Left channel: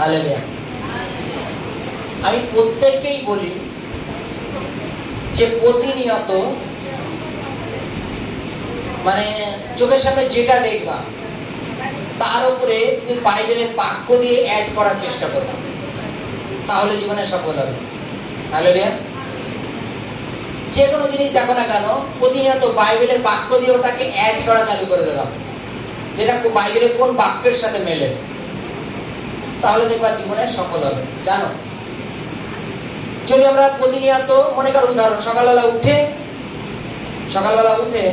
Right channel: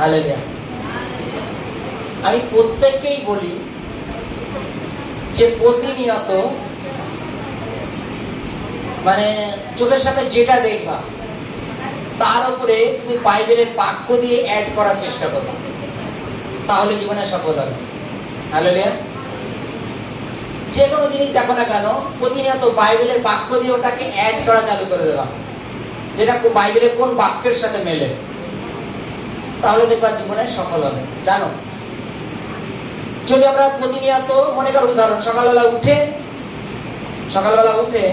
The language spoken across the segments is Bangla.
হালেলুয়া। আমি প্রত্যেককেই বলি যে প্রতিনিয়ত মানে চোখের সামনে যেটা দেখবা তার উপরে তুমি বাইবেলের বাক্য দিয়ে অ্যাড করার চেষ্টা করো, তাহলে জীবনে সফল হবে। হালেলুয়া। যে কোনো জিনিস দেখো না কেন, প্রতিনিয়ত বাইবেলের বাক্য দিয়ে ওটাকে অ্যাড করা চালু করে দেওয়া, যেটা বাইবেলের কোন বাক্যের সাথে মেলে, তাহলে দেখবা জীবনে সফল হবে। জানো, যদি আমরা প্রতিনিয়ত মনে করো, উদাহরণ সকালবেলা উঠে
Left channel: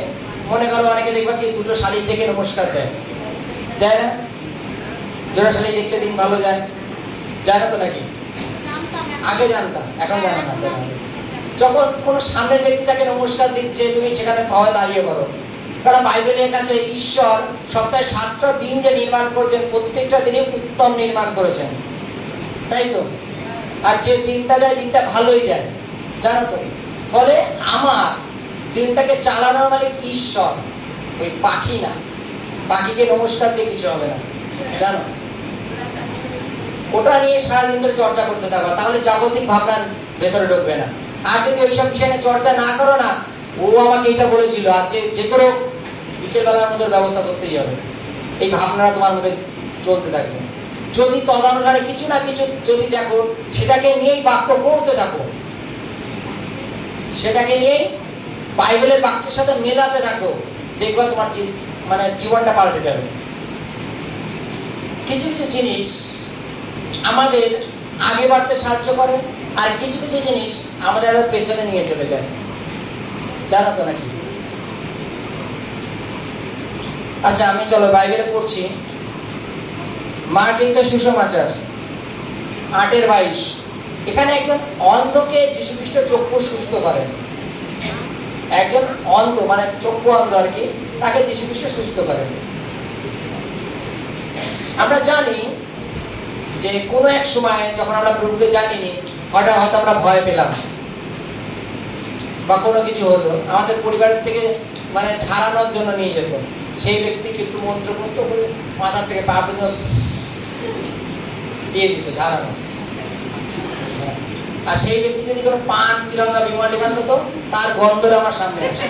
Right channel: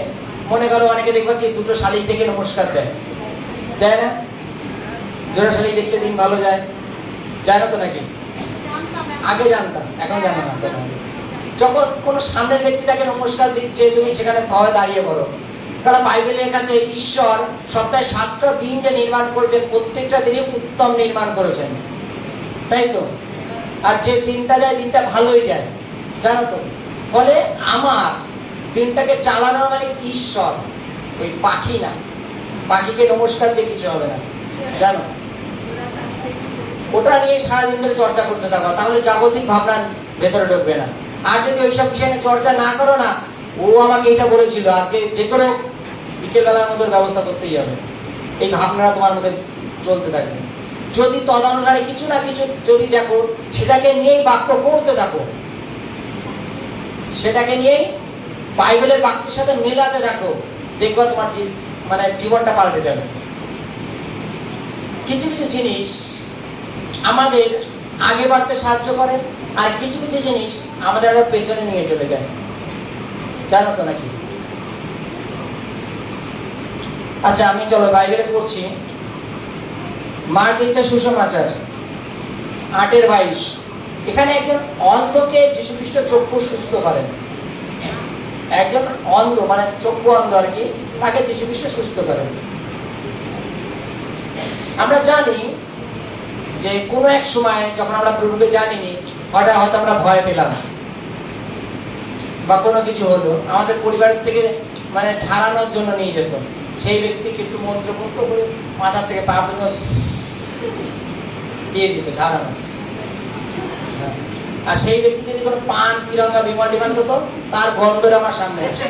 মনে করো অনেকে দেখবা কি দুটো শালিক দেখে নমস্কার দেয় না? জোড়া শালিক দেখতে দিন ভালো যায়, যায় না তো নাকি? আগে জানতাম, এখন জানো না। যখন কোন সামনের ব্যক্তিটাকে নমস্কার দিচ্ছে, তুমি সেখানে থয়ে দাঁড়িয়ে করো, কারণ বাইবেলের কাছে ঈশ্বর সপ্তাহে 7টা দিন যে নির্মাণ করেছেন, প্রত্যেকটা দিনে উত্তম নির্মাণ করেছেন, তাই তো? আর যে দিনটা যায়, দিনটা ভালোই যায়, জানো তো? ফলে আমার দিনটাকে চালানোর মালিক ঈশ্বর, ওই পাখি না। পাখিকে নমস্কার দিয়ে কিছু হবে না, জানো? ওটা নিয়ে সারাদিন ধরে চর্চা করতে থাকবা, তাহলে জাগতিক ভাবনার ভেতরে ঢুকবে না। আর যদি ওইসব বিষয় নিয়ে চর্চা না করো না, ও আমাকে এটা বলেছিল, আজকে যে কোনো বিকেলবেলার মধ্যে ব্যবস্থা করতেই হবে, এই ভাবনাটা তোমার মধ্যে চলতে থাকবে। যদি তদানুসারে কিছু না কিছু যদি দেখো, সেটাকে নিয়েই বাক্য করতে থাকো, সেটাকে নিয়েই বাইবেলের বাক্যের সাথে মেলাতে থাকো, দেখবা তোমার মানে জীবনটা পাল্টে যাবে। কিছু কিছু জিনিস আমাদের আগে বাড়তে সাহায্য করে, আর কিছু কিছু জিনিস আমাদের আবার পেছনে নিয়ে চলে যায়, জানো তো নাকি? আচ্ছা, আমি চলো বাইবেলে পড়ছি, মার্ক লিখিত সুসমাচার 8:22। এখানে একজন অন্ধকে যীশু খ্রিস্ট চক্ষু সুস্থ করেন। একজন অন্ধ, মানে চক্ষু অন্ধ আর কি, তাকে যীশু খ্রিস্ট সুস্থ করেন। আমরা জানি যে কোনো এক সময় যখন আমরা প্রভুকে জানিনি, হঠাৎ হয়তো আমরা ভয় পেলাম বা কোনো কিছু হলো, আমাদের পরিবারের থেকে মানে ছাড়ানোর জন্য নিয়ে যেত, সেই ব্যক্তিকে একটু মন্ত্রপত্র করে মাথা থেকে পা পর্যন্ত দিয়ে দিত, ছাড়ানো। আর সেই ব্যক্তি যদি কোনো পান, তিরঙ্গা, বিমল ডিমান হতো, তার গন্ধটা আমার সামনে আসে,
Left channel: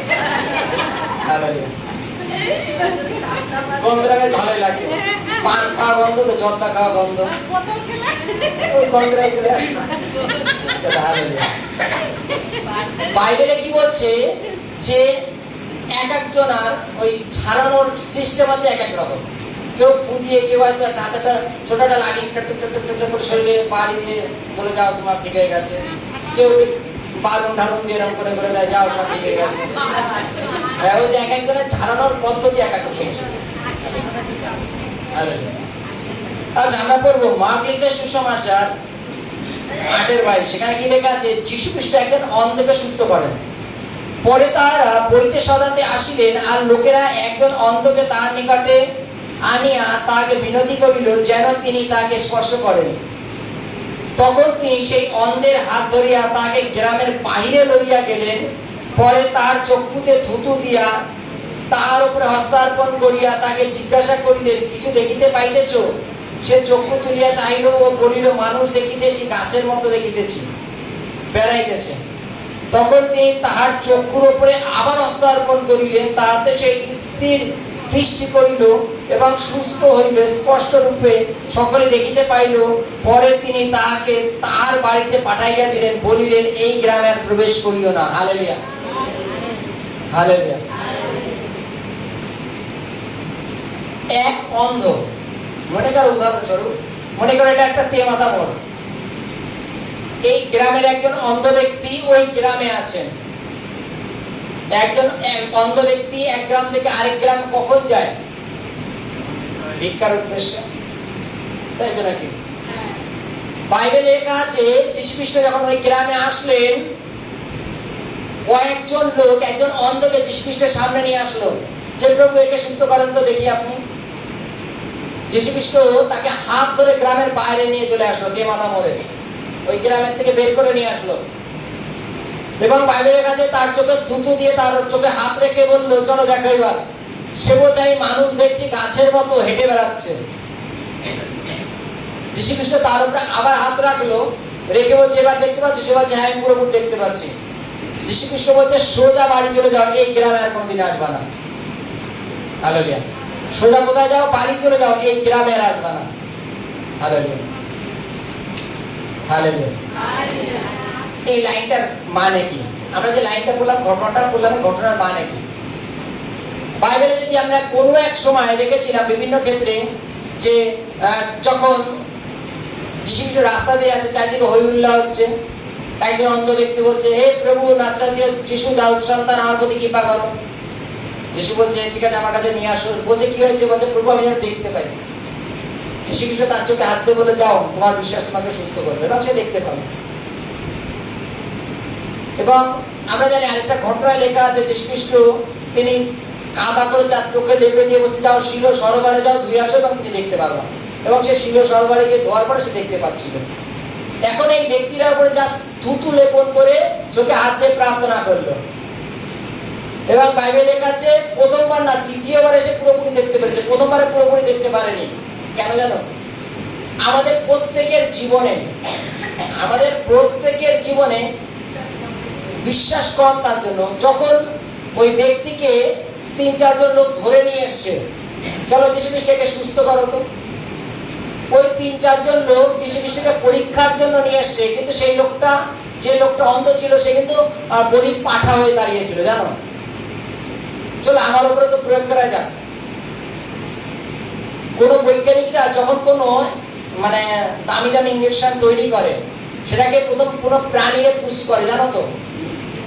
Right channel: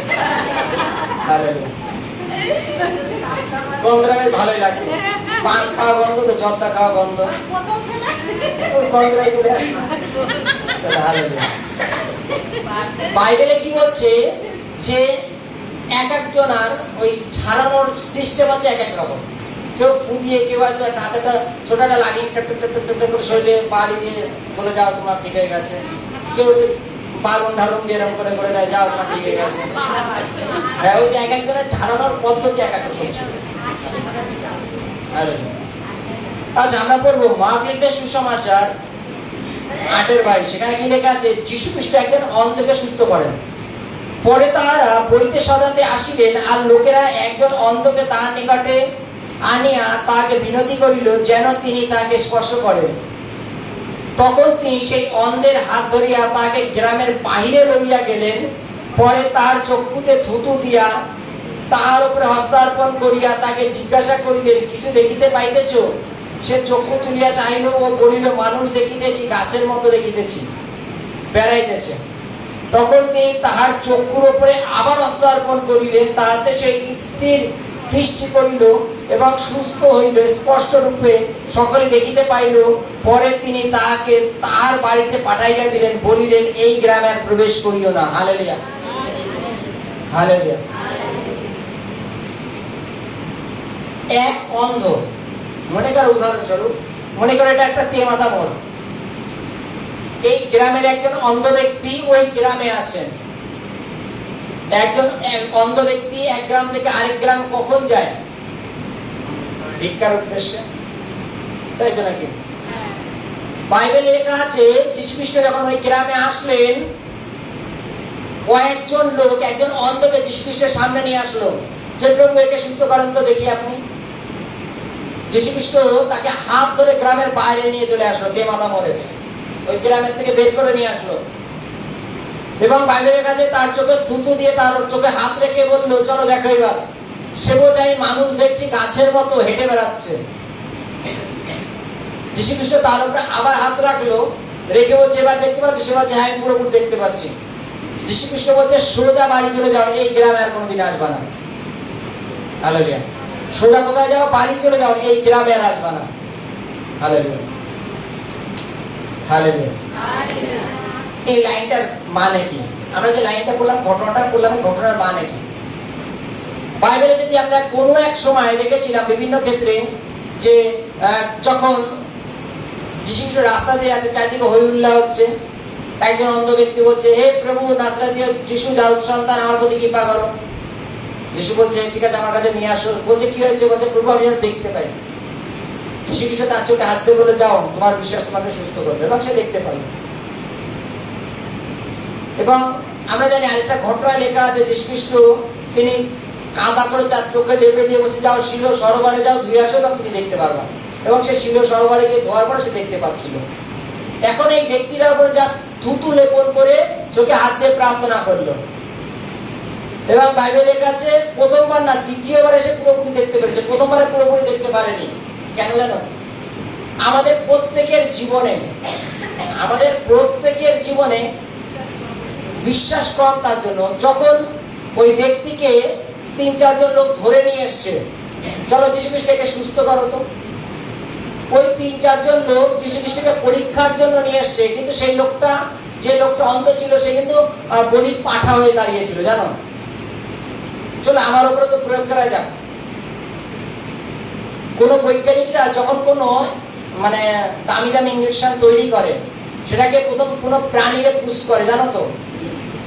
গন্ধটা বেশ ভালোই লাগে। পান খাওয়া বন্ধ তো, জর্দা খাওয়া বন্ধ, ওই গন্ধটাই চলে আসে। বাইবেলে কি বলছে যে এক একজন আর ওই ছাড়ানোর সিস্টেম আছে এক এক রকম। কেউ ফু দিয়ে, কেউ হয়তো হাতেটা ছোট একটা লাঠি করে শরীরে বাড়ি দিয়ে বলে যাও তোমার ঠিক হয়ে গেছে, কেউ বারণ ঢালন দিয়ে এরকম করে করে দেয়, যাও তোমার ঠিক হয়ে গেছে। হ্যাঁ, ওই যে এক একজনের ছাড়ানোর পদ্ধতি এক এক রকম ছিল। আচ্ছা, আমরা পড়বো মার্ক লিখিত সুসমাচার 8:22। সেখানে কি লেখা আছে? যীশু খ্রিস্ট একজন অন্ধকে সুস্থ করেন। পরে তারা বইতে সদাতে আসিলেন, আর লোকেরা একজন অন্ধকে তার নিকটে আনিয়া তাকে বিনতি করিল যেন তিনি তাকে স্পর্শ করেন। তখন তিনি সেই অন্ধের হাত ধরিয়া তাকে গ্রামের বাহিরে লইয়া গেলেন। পরে তার চক্ষুতে থুতু দিয়া তাহার উপরে হস্তার্পণ করিয়া তাকে জিজ্ঞাসা করিলেন, কিছু দেখিতে পাইতেছ? সে চক্ষু তুলিয়া চাইল ও বলিল, মানুষ দেখিতেছি, গাছের মতো দেখিতেছি, বেড়াইতেছে। তখন তিনি তাহার চক্ষুর উপরে আবার হস্তার্পণ করিলেন, তাহাতে সে স্থির দৃষ্টি করিল এবং সুস্থ হইল, স্পষ্ট রূপে সকলে দেখিতে পাইল। পরে তিনি তাহাকে তাহার বাড়িতে পাঠাইয়া দিলেন, বলিলেন, এই গ্রামে আর প্রবেশ করিও না। Hallelujah, hallelujah. এক অন্ধ, মনে করো উদাহরণস্বরূপ, মনে করো এটা একটা তেমাথা মোড়। এই গ্রামের একজন অন্ধ ব্যক্তি ওই গ্রামে আছেন। একজন অন্ধ ব্যক্তি এক গ্রাম থেকে আরেক গ্রাম কখন যায়? ভিক্ষার উদ্দেশ্যে, তাই তো নাকি? বাইবেলে লেখা আছে যীশু খ্রিস্ট যখন ওই গ্রামে আসলেন, কয়েকজন লোক একজন অন্ধকে যীশু খ্রিস্টের সামনে নিয়ে আসলো, যে প্রভু একে সুস্থ করেন তো দেখি আপনি। যীশু খ্রিস্ট তাকে হাত ধরে গ্রামের বাইরে নিয়ে চলে আসলো, তেমাথা মোড়ে, ওই গ্রামের থেকে বের করে নিয়ে আসলো, এবং বাইবেলের কাছে তার চোখে থুতু দিয়ে তার চোখে হাত রেখে বললো, চলো দেখো এবার। সে বোঝাই মানুষ দেখছি গাছের মতো হেঁটে বেড়াচ্ছে, যীশু খ্রিস্ট তার উপরে আবার হাত রাখলো, রেখে বলছে এবার দেখতে পাচ্ছ? সে বলছে হ্যাঁ, আমি পুরোপুরি দেখতে পাচ্ছি। যীশু খ্রিস্ট বলছে সোজা বাড়ি চলে যাও, এই গ্রামে আর কোনোদিন আসবা না। হালেলুয়া। সোজা কোথায় যাও? বাড়ি চলে যাও, এই গ্রামে আর আসবা না। Hallelujah, hallelujah. এই লাইনটার মানে কি? আমরা যে লাইনটা বললাম, ঘটনাটা বললাম, ঘটনার মানে কি? বাইবেলে যদি আমরা কোনো এক সময় দেখেছিলাম বিভিন্ন ক্ষেত্রে যে যখন যীশু খ্রিস্ট রাস্তা দিয়ে আছে, চারদিকে হই হুল্লা হচ্ছে, একজন অন্ধ ব্যক্তি বলছে হে প্রভু নাসরাতীয় যীশু দাউদ সন্তান, আমার প্রতি কৃপা করো। যীশু বলছে ঠিক আছে, আমার কাছে নিয়ে আসো। বলছে কি হয়েছে? বলছে প্রভু আমি যেন দেখতে পাই। যীশু খ্রিস্ট তার চোখে হাত দিয়ে বলে যাও, তোমার বিশ্বাস তোমাকে সুস্থ করবে, এবং সে দেখতে পাবে। এবং আমরা জানি আরেকটা ঘটনা লেখা আছে, যীশু খ্রিস্ট তিনি কাঁদা করে তার চোখে লেপে দিয়ে বলছে যাও শিল সরোবরে যাও, ধুয়ে আসো এবং তুমি দেখতে পারবে। এবং সে শিল সরোবরে গিয়ে ধোয়ার পরে সে দেখতে পাচ্ছিল। এখন এই ব্যক্তিটার উপরে যা থুতু লেপন করে চোখে হাত দিয়ে প্রার্থনা করলো, এবং বাইবেলে লেখা আছে প্রথমবার না, দ্বিতীয়বার এসে পুরোপুরি দেখতে পেরেছে। প্রথমবারে পুরোপুরি দেখতে পারেনি। কেন জানো? আমাদের প্রত্যেকের জীবনে বিশ্বাস কম তার জন্য, যখন ওই ব্যক্তিকে 3-4 জন লোক ধরে নিয়ে এসছে, চলো যীশু খ্রিস্টকে সুস্থ করো, তো ওই 3-4 জন লোক যীশু খ্রিস্টকে পরীক্ষার জন্য নিয়ে এসছে, কিন্তু সেই লোকটা, যে লোকটা অন্ধ ছিল, সে কিন্তু বলির পাঠা হয়ে দাঁড়িয়েছিল, জানো? চলো আমার উপরে তো প্রয়োগ করা যাক। কোন বৈজ্ঞানিকরা যখন কোনো দামি দামি ইঞ্জেকশন তৈরি করে, সেটাকে প্রথম কোনো প্রাণীরে পুশ করে, জানো তো?